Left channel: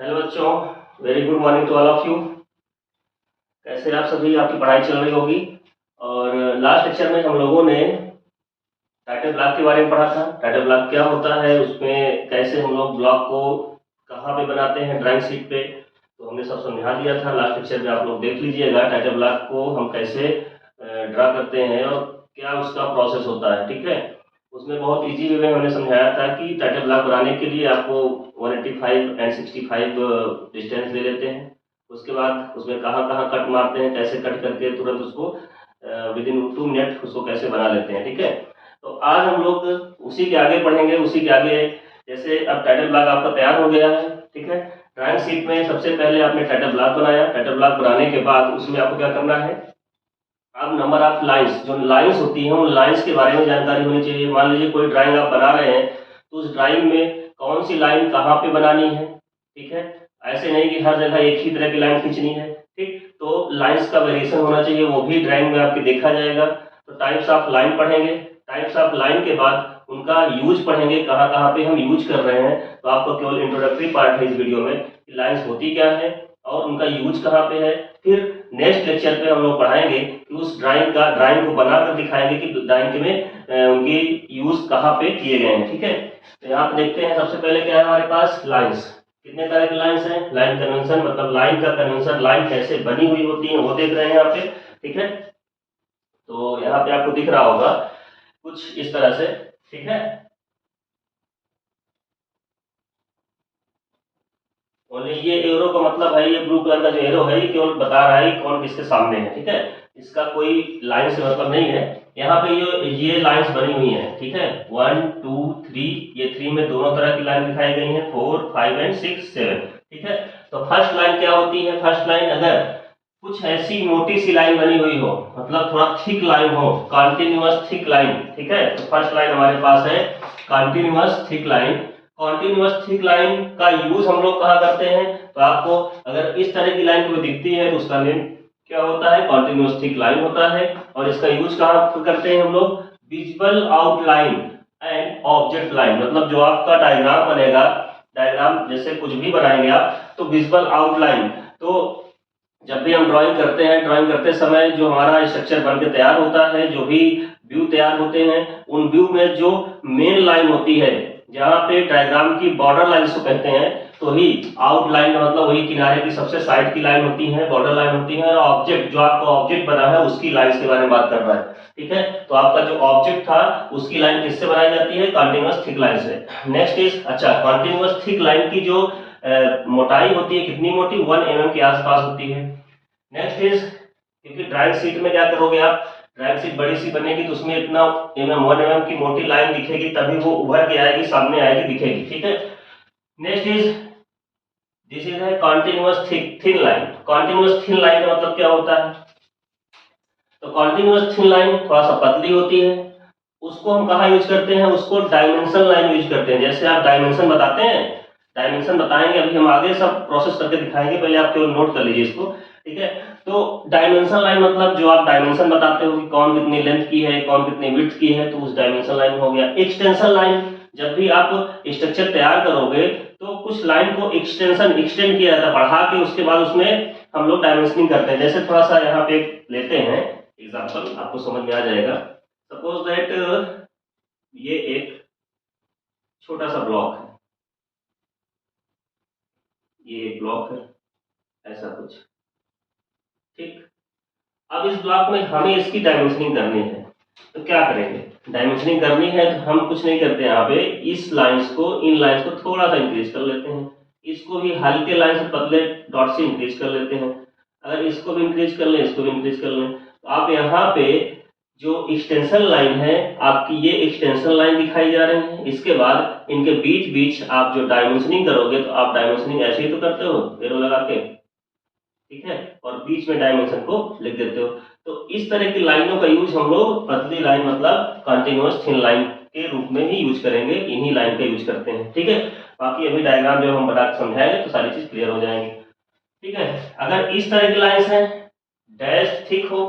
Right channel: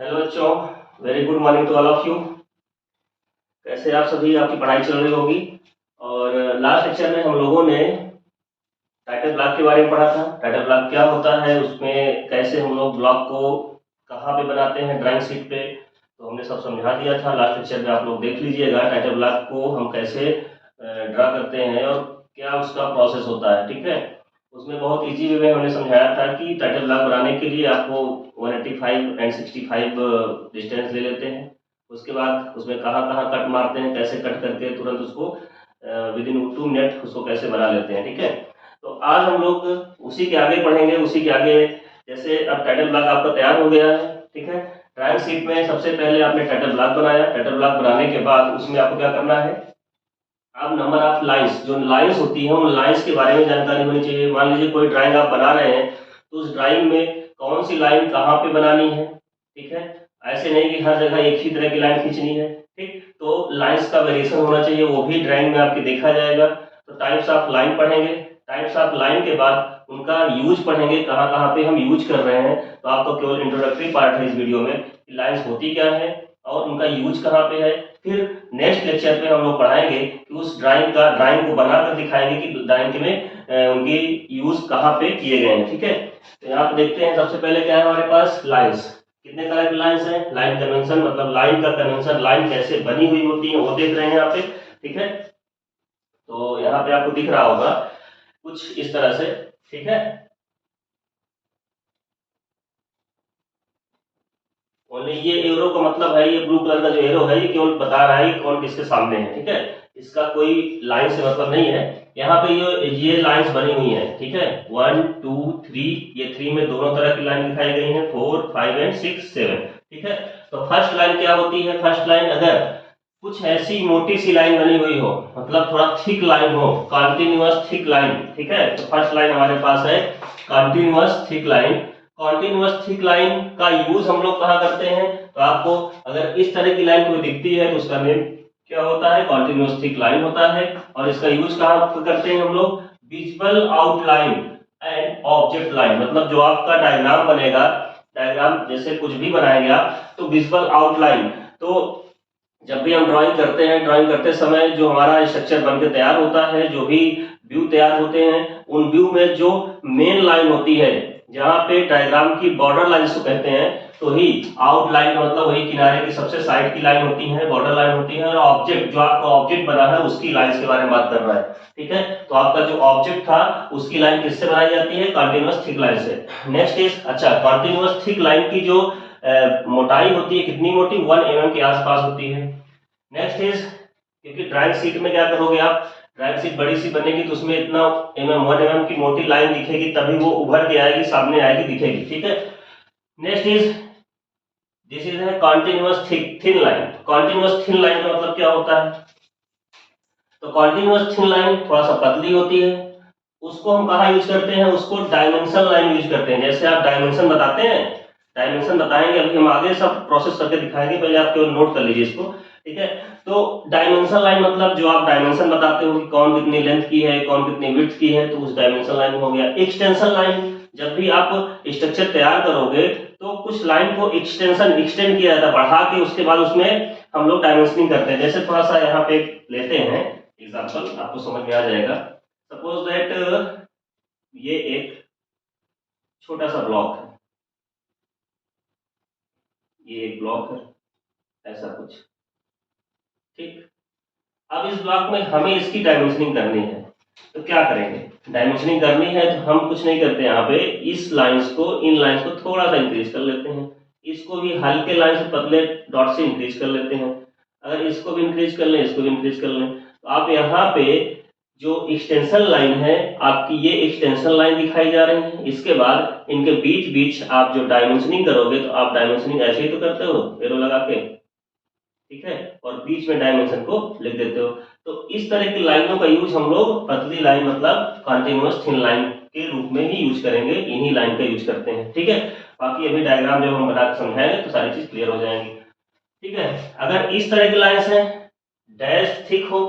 Hello बच्चों, very good morning to all of you. कैसे आप सभी, आपकी पढ़ाई चल रही होगी। और लास्ट लेक्चर में हम लोगों ने टाइटल ब्लॉक के बारे में पढ़ा था। टाइटल ब्लॉक क्या होता है, उसमें कैसे हम लोग ब्लॉक को कहाँ पे बनाते हैं ड्राइंग शीट पे, तो हमने सब समझा दिया था। लास्ट लेक्चर में आप लोग देख लीजिएगा टाइटल ब्लॉक को हम कैसे ड्रा करते हैं और क्या उसका प्रोसेस होता है। ठीक है, उसमें बहुत इजी वे में हमने समझाया था कि टाइटल ब्लॉक बनाने के लिए आपको 185 एंड 65 डिस्टेंस ले लेते हैं। उसके बाद उसमें कहाँ कहाँ कट मारते हैं, कैसे कट करके तुरंत उसको विद इन 2 मिनट उसको कैसे बना लेते हैं। ठीक है, तो आज हम लोग उसी के आगे पढ़ेंगे, उसी के आगे। जैसे अब टाइटल ब्लॉक आपका तैयार हो गया है। ठीक है, ड्राइंग शीट में सबसे पहले आपने टाइटल ब्लॉक बनाया। टाइटल ब्लॉक बनाने के बाद उसमें आपको क्या करना है, अब नंबर ऑफ लाइंस, जो लाइंस होती हैं उन लाइंस के बारे में जानकारी होनी चाहिए। मान लीजिए कोई ड्राइंग आप बना रहे हैं, तो उस ड्राइंग में कौन सी लाइन कहाँ पे बनानी है। ठीक है, ऐसे नहीं कि हर जगह एक ही तरह की लाइन खींचनी है। ठीक, तो लाइंस का वेरिएशन होना चाहिए, वो भी ड्राइंग में आपके देखा जाएगा। तो टाइप्स ऑफ लाइन पढ़ेंगे। टाइप्स ऑफ लाइन के बाद उनका यूज पढ़ेंगे, कहाँ कहाँ पे हम यूज कर रहे हैं। तो आपको केवल इंट्रोडक्टरी पार्ट है इस वीडियो में कि लाइन्स होती क्या है और उनका यूज कहाँ पे है। फिर नेक्स्ट लेक्चर पे हम लोग पढ़ाएंगे कि उस ड्राइंग को बनाकर दिखाएंगे कि ड्राइंग में उनकी यूज कहाँ पे किए गए हैं। ठीक है, तो यहाँ पे देखते हैं सबसे पहले क्या है हमारे पास, लाइंस। कितने तरह की लाइंस हैं, लाइन कन्वेंशन मतलब लाइन का कन्वेंशन, लाइन कैसे बनी हुई होती है वो देख रहे हैं यहाँ पे। ठीक है, तो यहाँ पे आपको दिख रहा होगा कुछ इस तरह से। ठीक है, ओनली ये एरो का मतलब है, ये ब्लू कलर का जो एरो है ये केवल बता रहा है कि कौन किसके सामने है। ठीक है, इसका कोई लाइन से मतलब नहीं है। यहाँ पे ये लाइंस बनी हुई हैं। ठीक है, 1 2 3, ये 3 में दोनों तरह की लाइन दिखाई गई हैं, 4 5 एंड 6 7। ठीक है, तो फर्स्ट लाइन क्या होती है, फर्स्ट लाइन अगर कुछ ऐसी मोटी सी लाइन बनी हुई हो, मतलब थोड़ा थिक लाइन हो, कॉन्टिन्यूअस थिक लाइन। ठीक है, तो फर्स्ट लाइन हमारे पास है continuous thick line. Continuous thick line का यूज हम लोग कहाँ करते हैं, तो आपको अगर इस तरह की लाइन कोई दिखती है तो उसका नेम क्या होता है, कॉन्टिन्यूअस थिक लाइन होता है। और इसका यूज कहाँ करते हैं हम लोग, visual outline and object line. मतलब जो आपका डायग्राम बनेगा, डायग्राम जैसे कुछ भी बनाएंगे आप, तो विजुअल आउटलाइन, तो जब भी हम ड्राइंग करते हैं, ड्राइंग करते समय जो हमारा स्ट्रक्चर बनकर तैयार होता है, जो भी व्यू तैयार होते हैं, उन व्यू में जो मेन लाइन होती है, जहाँ पे डायग्राम की बॉर्डर लाइन को कहते हैं, तो ही आउटलाइन का मतलब वही किनारे की सबसे साइड की लाइन होती है, बॉर्डर लाइन होती है। और ऑब्जेक्ट, जो आपका ऑब्जेक्ट बना है उसकी लाइन के बारे में बात कर रहा है। ठीक है, तो आपका जो ऑब्जेक्ट था उसकी लाइन किससे बनाई जाती है, कॉन्टिन्यूअस थिक लाइन से। नेक्स्ट इज, अच्छा, कॉन्टिन्यूअस थिक लाइन की जो मोटाई होती है, कितनी मोटी, 1 mm के आसपास होती है। नेक्स्ट इज, क्योंकि ड्राइंग शीट में क्या करोगे आप, ड्राइंग शीट बड़ी सी बनेगी तो उसमें इतना 1 mm की मोटी लाइन दिखेगी, तभी वो उभर के आएगी, सामने आएगी, दिखेगी। ठीक है, नेक्स्ट इज, दिस इज है continuous thin line. Continuous thin line का मतलब क्या होता है, तो कॉन्टिन्यूअस थिन लाइन थोड़ा सा पतली होती है, उसको हम कहाँ यूज करते हैं, उसको डायमेंशन लाइन यूज करते हैं। जैसे आप डायमेंशन बताते हैं, डायमेंशन बताएंगे, अभी हम आगे सब प्रोसेस करके दिखाएंगे, पहले आप केवल नोट कर लीजिए इसको। ठीक है, तो डायमेंशन लाइन मतलब जो आप डायमेंशन बताते हो कि कौन कितनी लेंथ की है, कौन कितनी विड्थ की है, तो उस डायमेंशन लाइन हो गया। एक्सटेंशन लाइन, जब भी आप स्ट्रक्चर तैयार करोगे तो कुछ लाइन को एक्सटेंड किया जाता है, बढ़ा के उसके बाद उसमें हम लोग डायमेंशनिंग करते हैं। जैसे थोड़ा सा यहाँ पे लेते हैं एग्जाम्पल, आपको समझ में आ जाएगा। सपोज दैट ये एक छोटा सा ब्लॉक है, ये एक ब्लॉक है, ऐसा कुछ। ठीक, अब इस ब्लॉक में हमें इसकी डायमेंशनिंग करनी है, तो क्या करेंगे, डायमेंशनिंग करनी है तो हम कुछ नहीं करते, यहाँ पे इस लाइंस को, इन लाइंस को थोड़ा सा इंक्रीज कर लेते हैं, इसको भी हल्के लाइन से पतले डॉट से इंक्रीज कर लेते हैं। अगर इसको भी इंक्रीज कर लें, इसको भी इंक्रीज कर लें, तो आप यहाँ पे जो एक्सटेंशन लाइन है आपकी, ये एक्सटेंशन लाइन दिखाई जा रही है। इसके बाद इनके बीच बीच आप जो डायमेंशनिंग करोगे, तो आप डायमेंशनिंग ऐसे ही तो करते हो, एरो लगा के। ठीक है, और बीच में डायमेंशन को लिख देते हो। तो इस तरह की लाइनों का यूज हम लोग पतली लाइन मतलब कंटिन्यूअस थिन लाइन के रूप में ही यूज करेंगे, इन्हीं लाइन का यूज करते हैं। ठीक है, बाकी अभी डायग्राम जब हम बना के समझाएंगे तो सारी चीज क्लियर हो जाएंगी। ठीक है, अगर इस तरह की लाइंस है, डैश थिक हो,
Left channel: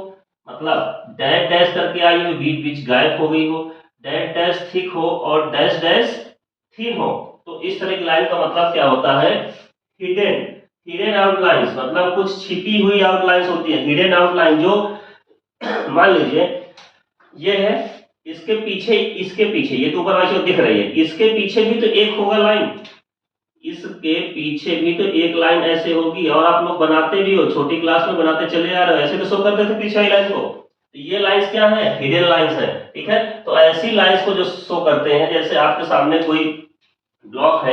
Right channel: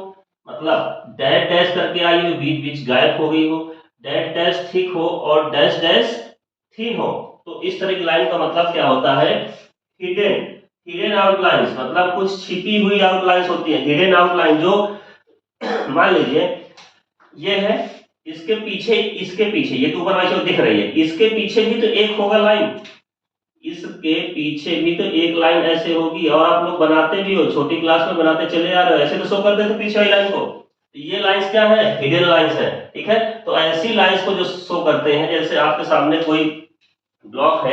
मतलब डैश डैश करके आई हो, बीच बीच गायब हो गई हो, डैश डैश थिक हो और डैश डैश थिन हो, तो इस तरह की लाइन का मतलब क्या होता है, हिडन हिडन आउटलाइंस मतलब कुछ छिपी हुई आउटलाइंस होती है। हिडन आउटलाइन जो मान लीजिए ये है, इसके पीछे ये तो ऊपर वाली दिख रही है, इसके पीछे भी तो एक होगा लाइन, इसके पीछे भी तो एक लाइन ऐसे होगी। और आप लोग बनाते भी हो, छोटी क्लास में बनाते चले आ रहे हो, ऐसे तो शो करते थे पीछे वाली लाइन को। तो ये लाइंस क्या है? हिडन लाइंस है। ठीक है, तो ऐसी लाइंस को जो शो करते हैं, जैसे आपके सामने कोई ब्लॉक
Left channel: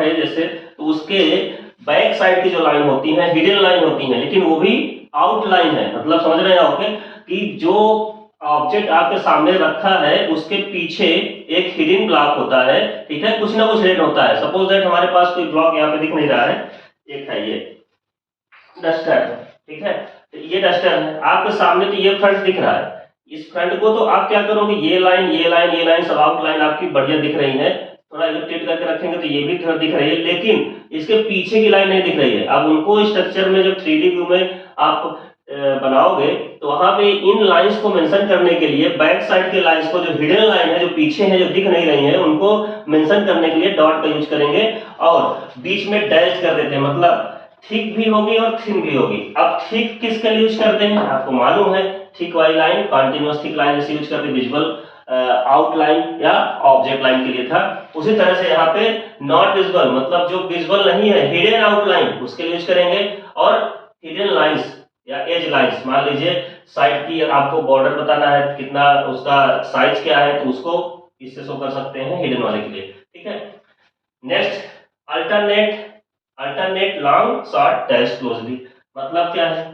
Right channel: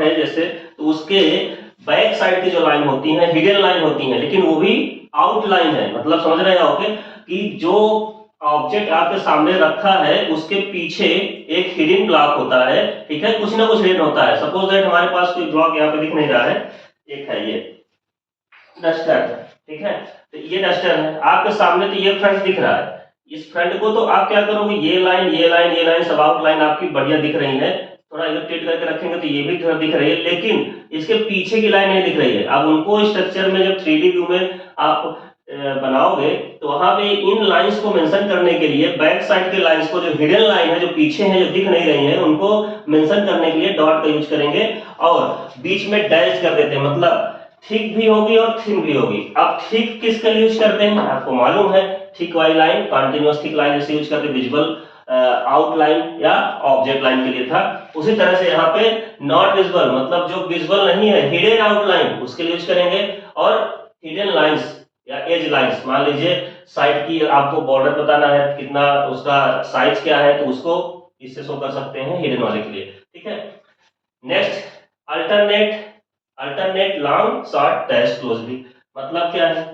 है जैसे, तो उसके बैक साइड की जो लाइन होती है हिडन लाइन होती है, लेकिन वो भी आउटलाइन है। मतलब समझ रहे हैं कि जो ऑब्जेक्ट आपके सामने रखा है उसके पीछे एक हिडन ब्लॉक होता है। ठीक है, कुछ ना कुछ हिडन होता है। सपोज दैट हमारे पास कोई ब्लॉक यहाँ पे दिख नहीं रहा है, एक है ये डस्टर है। ठीक है, तो ये डस्टर है आपके सामने, तो ये फ्रंट दिख रहा है। इस फ्रंट को तो आप क्या करोगे, ये लाइन सब आउटलाइन आपकी बढ़िया दिख रही है। थोड़ा इलिप्टेड करके रखेंगे तो ये भी थोड़ा दिख रही है, लेकिन इसके पीछे की लाइन नहीं दिख रही है। अब उनको स्ट्रक्चर में जब 3D व्यू में आप बनाओगे तो वहां पे इन लाइंस को मेंशन करने के लिए बैक साइड के लाइंस को, जो हिडन लाइन है जो पीछे है जो दिख नहीं रही है, उनको मेंशन करने के लिए डॉट का यूज करेंगे और बीच में डैश कर देते हैं। मतलब थिक भी होगी और थिन भी होगी। अब थिक किसके लिए यूज करते हैं आपको मालूम है, थिक वाली लाइन कंटिन्यूअस थिक लाइन जैसे यूज करके विजुअल आउटलाइन या ऑब्जेक्ट लाइन के लिए था। उसी तरह से यहाँ पे नॉट विजुअल मतलब जो विजुअल नहीं है, हिडन आउटलाइन, उसके लिए यूज करेंगे। और हिडन लाइंस या एज लाइंस, मान लीजिए साइड की आपको बॉर्डर बताना है कितना, उसका साइज क्या है, तो उसको इससे शो कर सकते हैं हिडन वाले के लिए। ठीक है, next alternate long short dash closely. मतलब क्या है,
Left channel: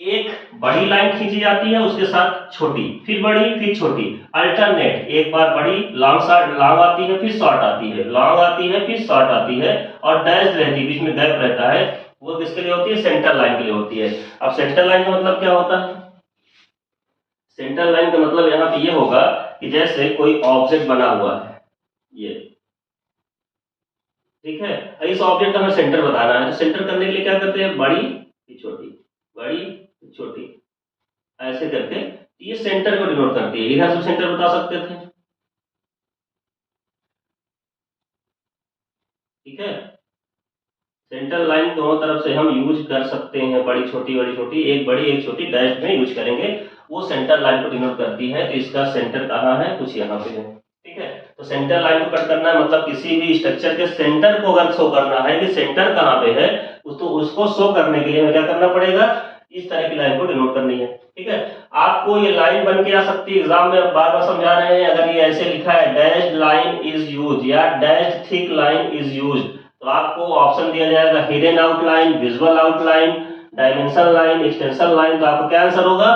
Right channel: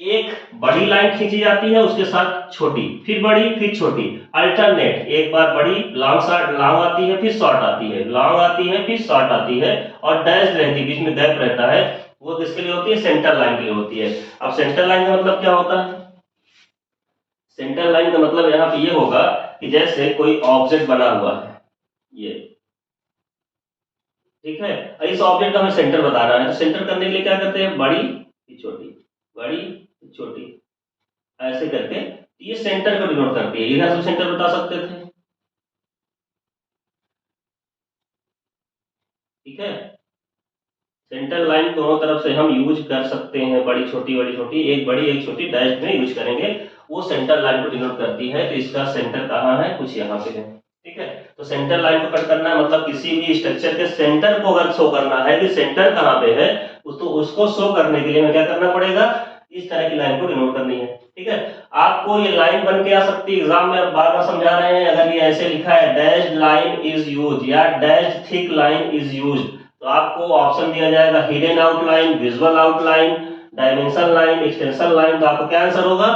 एक बड़ी लाइन खींची जाती है उसके साथ छोटी, फिर बड़ी फिर छोटी। अल्टरनेट, एक बार बड़ी लॉन्ग आती है, फिर शॉर्ट आती है, लॉन्ग आती है फिर शॉर्ट आती है, और डैश रहती है, बीच में गैप रहता है। वो किसके लिए होती है? सेंटर लाइन के लिए होती है। अब सेंटर लाइन का मतलब क्या होता है? सेंटर लाइन का मतलब यहाँ पे ये होगा कि जैसे कोई ऑब्जेक्ट बना हुआ है ये, ठीक है, इस ऑब्जेक्ट का हमें सेंटर बताना है, तो सेंटर करने के लिए क्या करते हैं, बड़ी फिर छोटी, बड़ी फिर छोटी, ऐसे करके ये सेंटर को डिनोट करती है। इधर से सेंटर बता सकते थे। ठीक है, सेंटर लाइन दोनों तरफ से हम यूज कर सकते हैं, बड़ी छोटी, एक बड़ी एक छोटी डैश में यूज करेंगे, वो सेंटर लाइन को डिनोट करती है। तो इसका सेंटर कहाँ है, कुछ यहाँ पे है। ठीक है, तो सेंटर लाइन को कट करना है, मतलब किसी भी स्ट्रक्चर के सेंटर को अगर शो करना है कि सेंटर कहाँ पे है, तो उसको शो करने के लिए हमें क्या करना पड़ेगा, इस तरह की लाइन को डिनोट करनी है। ठीक है, आपको ये लाइन बन के आ सकती है, एग्जाम में बार बार समझा रहे हैं। अगर ये ऐसे लिखा है डैश लाइन इज यूज या dash thick line is use, तो आपको ऑप्शन दिया जाएगा hidden outline, visual outline, dimension line, extension line. तो आपका क्या आंसर होगा,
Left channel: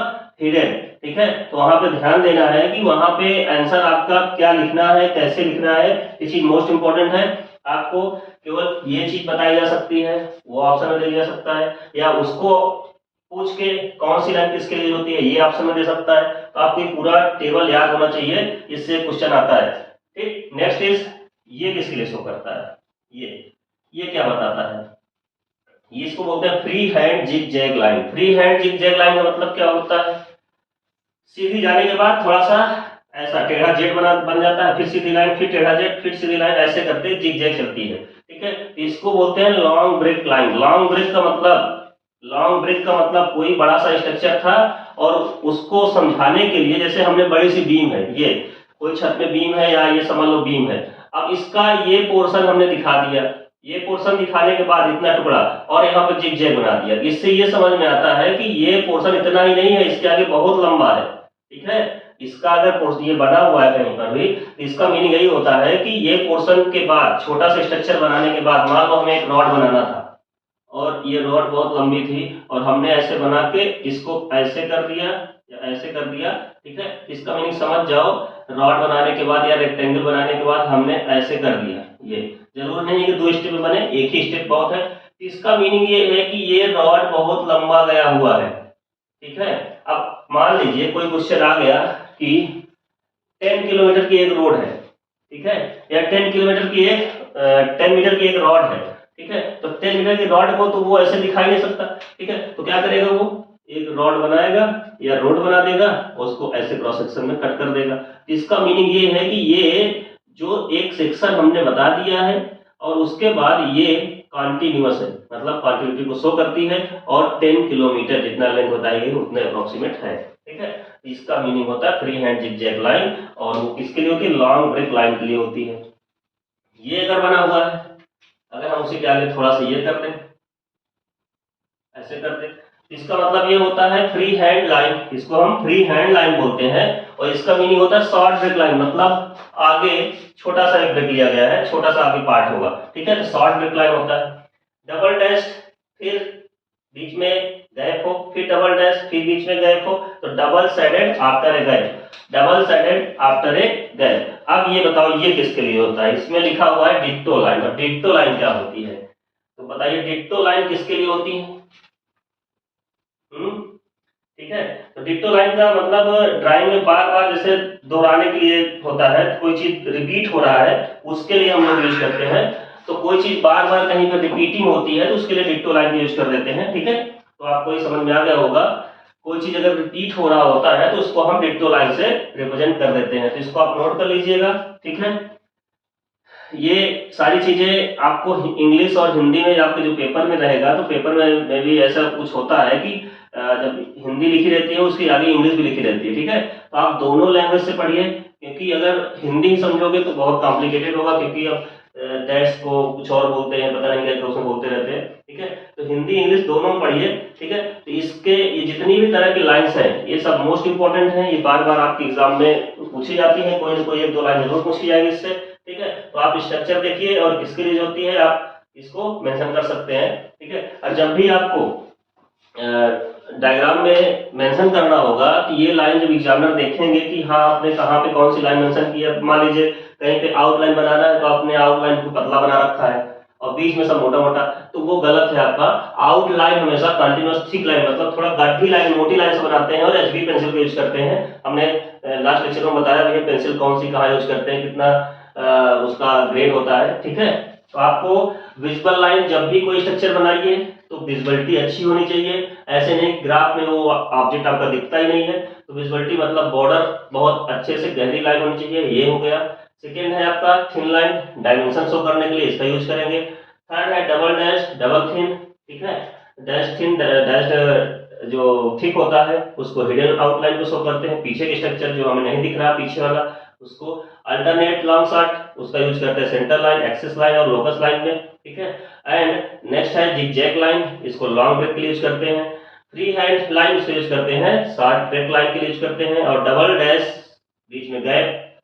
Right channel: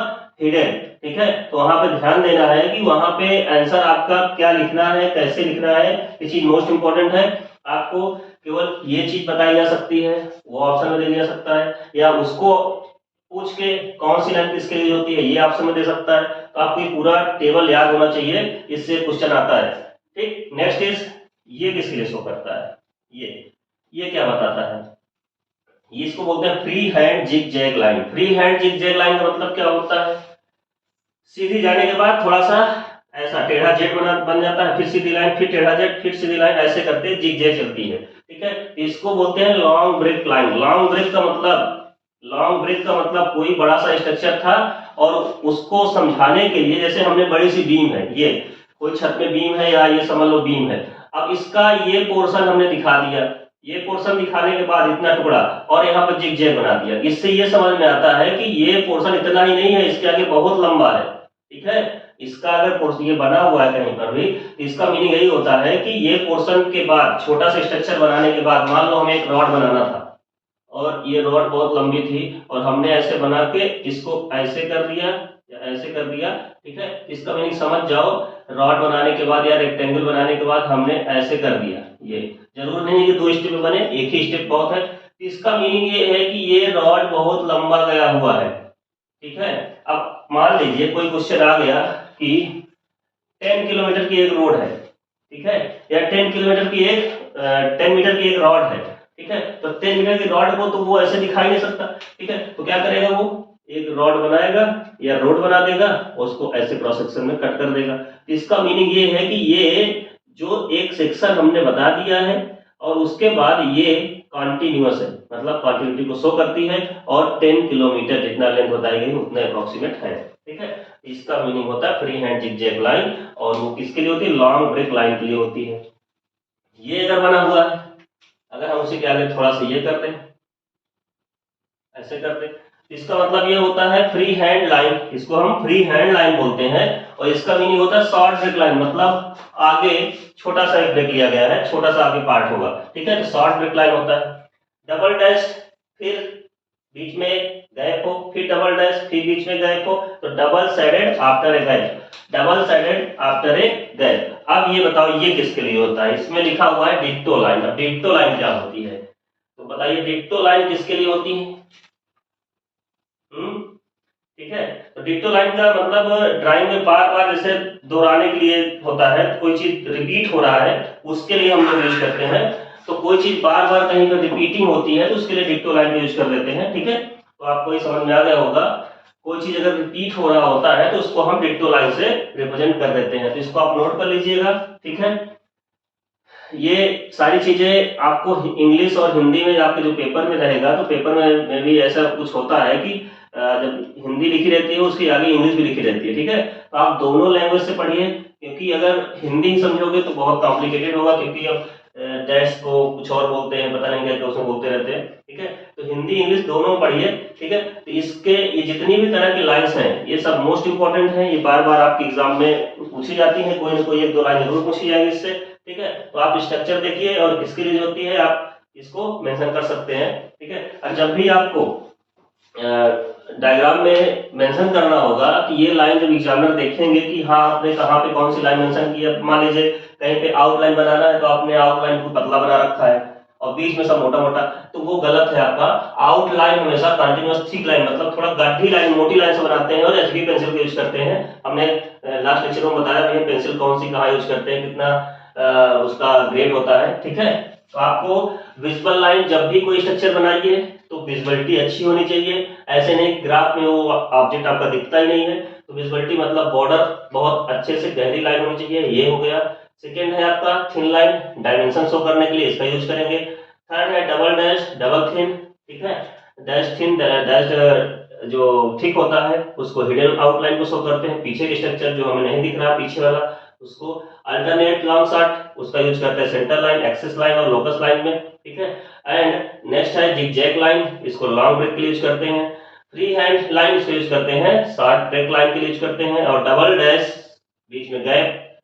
हिडन। ठीक है, तो वहां पे ध्यान देना है कि वहां पे आंसर आपका क्या लिखना है, कैसे लिखना है, ये चीज मोस्ट इंपॉर्टेंट है। आपको केवल ये चीज बताई जा सकती है, वो ऑप्शन में दे जा सकता है, या उसको पूछ के कौन सी लाइन किसके लिए होती है ये ऑप्शन में दे सकता है। तो आपको पूरा टेबल याद होना चाहिए, इससे क्वेश्चन आता है। ठीक, नेक्स्ट इज ये किसके लिए शो करता है, ये क्या बताता है, ये इसको बोलते हैं free hand zig zag line. Free hand zig zag line का मतलब क्या होता है, सीधी जाने के बाद थोड़ा सा ऐसा टेढ़ा जेड बन जाता है, फिर सीधी लाइन, फिर टेढ़ा जेड, फिर सीधी लाइन, ऐसे करते जिग जैग चलती है। ठीक है, इसको बोलते हैं long break line. Long break का मतलब कोई बड़ा सा स्ट्रक्चर था और उसको समझाने के लिए, जैसे हमने बड़ी सी बीम है, ये कोई छत में बीम है या ये समझ लो बीम है, अब इसका ये पोर्शन हमने दिखा दिया, ये पोर्शन दिखाने के बाद इतना टुकड़ा और यहाँ पे जिग जैग बना दिया। इससे ये समझ में आता है कि ये पोर्शन इतना ही नहीं है, इसके आगे बहुत लंबा है। ठीक है, इसका अगर पोर्शन ये बना हुआ है कहीं पर भी, तो इसका मीनिंग यही होता है कि ये पोर्शन के बाद छोटा सा स्ट्रक्चर बनाने के बाद, मान लो हमें एक रॉड बनाना था और ये रॉड बहुत लंबी थी और हमने ऐसे बना के इसको ऐसे कर दिया या ऐसे कर दिया। ठीक है, इसका मीनिंग समझ जाओ, रॉड बनाने के बाद या रेक्टेंगल बनाने के बाद हमने ऐसे कर दिया। ये जरूर नहीं कि 2 स्टेप बने, एक ही स्टेप बहुत है। इसका मीनिंग ये है कि ये रॉड बहुत लंबा गया हुआ है। ठीक है, अब मान लीजिए कोई क्वेश्चन आ गया कि 10 किलोमीटर की एक रोड है, ठीक है, या 10 किलोमीटर की एक 10 मीटर की एक रॉड है। ठीक है, तो 10 मीटर की रॉड को तो वो ऐसे दिखाई नहीं सकता। ठीक है, तो क्या करेगा, वो एक रॉड बनाएगा या रोड बना देगा, उसको ऐसे क्रॉस सेक्शन में कट कर देगा। इसका मीनिंग ये है कि ये जो एक सेक्शन हमने बता दिया है और उसके बाद ये कॉन्टिन्यूअस है, मतलब कॉन्टिन्यूटी को शो करती है, और 10 किलोमीटर जितना लेंथ बताई गई उतने अप्रोक्सीमेट है, ठीक है। इसका मीनिंग होता है फ्री हैंड जिगजैग लाइन, और वो किसके लिए होती है, लॉन्ग ब्रेक लाइन के लिए होती है। ये अगर बना हुआ है, अगर हम उसी के आगे थोड़ा सा ये कर दें, ऐसे कर दें, इसका मतलब ये होता है फ्री हैंड लाइन, इसको हम फ्री हैंड लाइन बोलते हैं, और इसका मीनिंग होता है शॉर्ट ब्रेक लाइन, मतलब आगे छोटा सा एक ब्रेक लिया गया है, छोटा सा आगे पार्ट होगा, ठीक है, तो शॉर्ट ब्रेक लाइन होता है। डबल डैश, फिर बीच में गैप हो, फिर डबल डैश, फिर बीच में गैप हो, तो double sided after a gap, double sided after a gap. अब ये बताओ ये किसके लिए होता है, इसमें लिखा हुआ है डिक्टो लाइन, और डिक्टो लाइन क्या होती है, तो बताइए डिक्टो लाइन किसके लिए होती है। ठीक है, तो डिक्टो लाइन का मतलब ड्राइंग में बार बार जैसे दोहराने के लिए होता है, कोई चीज रिपीट हो रहा है उसके लिए हम लोग यूज करते हैं, तो कोई चीज बार बार कहीं पर रिपीटिंग होती है तो उसके लिए डिक्टो लाइन का यूज कर देते हैं, ठीक है। तो आपको ये समझ में आ गया होगा, कोई चीज अगर रिपीट हो रहा होता है तो उसको हम डिक्टो लाइन से रिप्रेजेंट कर देते हैं, तो इसको आप नोट कर लीजिएगा, ठीक है। ये सारी चीजें आपको इंग्लिश और हिंदी में आपके जो पेपर में रहेगा, तो पेपर में भी ऐसा कुछ होता है कि जब हिंदी लिखी रहती है उसके आगे इंग्लिश भी लिखी रहती है, ठीक है। तो आप दोनों लैंग्वेज से पढ़िए, क्योंकि अगर हिंदी ही समझोगे तो बहुत कॉम्प्लिकेटेड होगा, क्योंकि अब डैश को कुछ और बोलते हैं, पता नहीं क्या उसमें बोलते रहते हैं, ठीक है। तो हिंदी इंग्लिश दोनों पढ़िए, ठीक है। तो इसके ये जितनी भी तरह की लाइन्स हैं ये सब मोस्ट इंपॉर्टेंट हैं, ये बार बार आपके एग्जाम में पूछी जाती है, कोई ना कोई एक दो लाइन जरूर पूछी जाएगी इससे, ठीक है। तो आप स्ट्रक्चर देखिए और किसके लिए होती है आप इसको मेंशन कर सकते हैं, ठीक है। और जब भी आपको डायग्राम में मेंशन करना होगा कि ये लाइन जब एग्जामिनर देखेंगे कि हाँ आपने कहाँ पे कौन सी लाइन मेंशन की है, मान लीजिए कहीं पे आउटलाइन बनाना है तो आपने आउटलाइन को पतला बना रखा है और बीच में सब मोटा मोटा, तो वो गलत है आपका। आउटलाइन हमेशा कंटिन्यूअस थिक लाइन, मतलब थोड़ा गाढ़ी लाइन मोटी लाइन से बनाते हैं और एचबी पेंसिल का यूज करते हैं। हमने लास्ट लेक्चर में बताया भी पेंसिल कौन सी कहाँ यूज करते हैं, कितना उसका ग्रेड होता है, ठीक है। तो आपको विजुअल लाइन जब भी कोई स्ट्रक्चर बनाइए तो विजुअलिटी अच्छी होनी चाहिए, ऐसे नहीं ग्राफ में वो ऑब्जेक्ट आपका दिखता ही नहीं है, तो विजुअलिटी मतलब बॉर्डर बहुत अच्छे से गहरी लाइन होनी चाहिए, ये हो गया। सेकेंड है आपका थिन लाइन, डायमेंशन शो करने के लिए इसका यूज करेंगे। थर्ड है डबल डैश, डबल थिन, ठीक है। डैश थिन डैश जो थिक होता है उसको हिडन आउटलाइन को शो करते हैं, पीछे के स्ट्रक्चर जो हमें नहीं दिख रहा पीछे वाला उसको अल्टरनेट लॉन्ग शॉट उसका यूज करते हैं सेंटर लाइन, एक्सिस लाइन और लोकस लाइन में, ठीक है। एंड नेक्स्ट है जिगजैग लाइन, इसको लॉन्ग ब्रेक के लिए यूज करते हैं। फ्री हैंड लाइन इसको यूज करते हैं शॉर्ट ब्रेक लाइन के लिए यूज करते हैं। और डबल डैश बीच में गैप,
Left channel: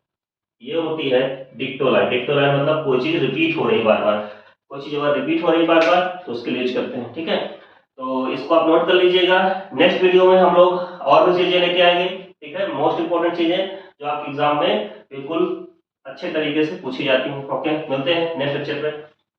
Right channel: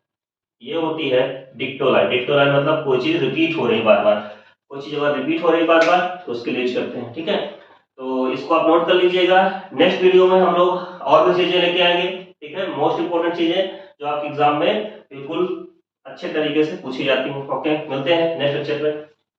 ये होती है डिक्टो लाइन। डिक्टो लाइन मतलब कोई चीज रिपीट हो रही बार बार, कोई चीज अगर रिपीट हो रही बार बार तो उसके लिए यूज करते हैं, ठीक है। तो इसको आप नोट कर लीजिएगा, नेक्स्ट वीडियो में हम लोग और भी चीजें लेके आएंगे, ठीक है। मोस्ट इंपोर्टेंट चीजें जो आपके एग्जाम में बिल्कुल अच्छे तरीके से पूछी जाती हैं। ओके, मिलते हैं नेक्स्ट लेक्चर में।